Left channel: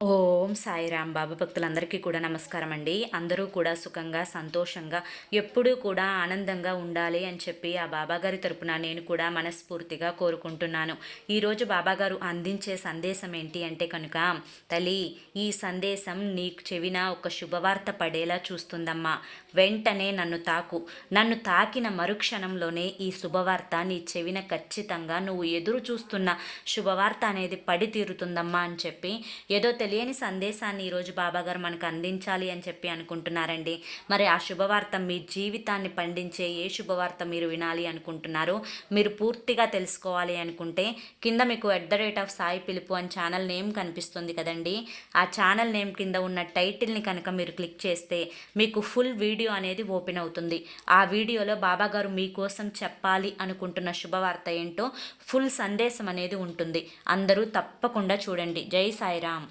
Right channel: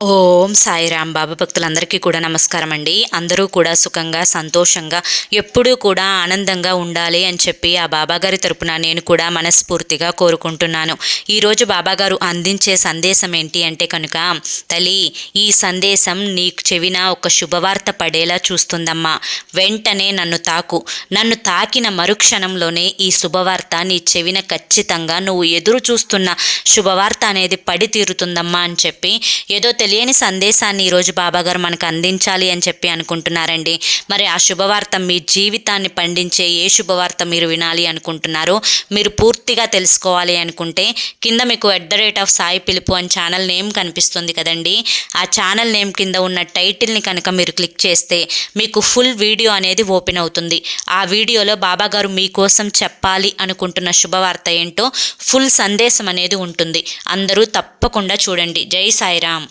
ఓం సాయిరాం బాబా భక్తులందరికీ కూడా నమస్కారం అండి. అందరూ కూడా సుఖంగా సంతోషంగా ఎప్పుడూ కూడా ఆనందంగా ఉండాలి అని చెప్పి ఆ బాబాగారి తరపున నేను కూడా మనస్ఫూర్తిగా కోరుకుంటున్నాను. ఈరోజు బాబాగారు అందించే సందేశం ఏంటి అంటే కనుక, తల్లి, ఈ సందేశం నీకు చెవిన ఒక శుభవార్త పడేలా చూస్తుందమ్మా. వెంటనే నన్ను తాకిన మరుక్షణంలోనే ఈ శుభవార్త నీ చెవిన ఖచ్చితంగా నువ్వు ఎదురు చూస్తున్న శుభవార్త అనేది పడి తీరుతుందమ్మా అని చెప్పి ఏదో తెలియని సందేశాన్ని ఈరోజు బాబాగారు మనకు అందించాలి అని చెప్పి అనుకుంటున్నారండి. మరి ఆ శుభవార్త మీ జీవితాన్ని పండించే ఏ శుభవార్త మీరు వినాలి అనుకుంటున్నారో, మీరు పూర్తిగా తెలుసుకోవాలి అనుకుంటే కింద మీకు @సాయి పిలుపు అని ఛానల్ నేమ్ కనిపిస్తుంది కదండి. ఆ ఛానల్ నేమ్ కింద ఉన్న టైటిల్ని కనుక మీరు క్లిక్ చేస్తే మీకు ఫుల్ వీడియో అనేది ఓపెన్ అవుతుంది. ఆ వీడియోలో బాబాగారు మీకోసం చెప్పాలి అనుకుంటున్న శుభవార్త ఏంటో ఫుల్ సందేశం అనేది ఉంటుంది. అందరూ తప్పకుండా చూడండి. జై సాయిరామ్.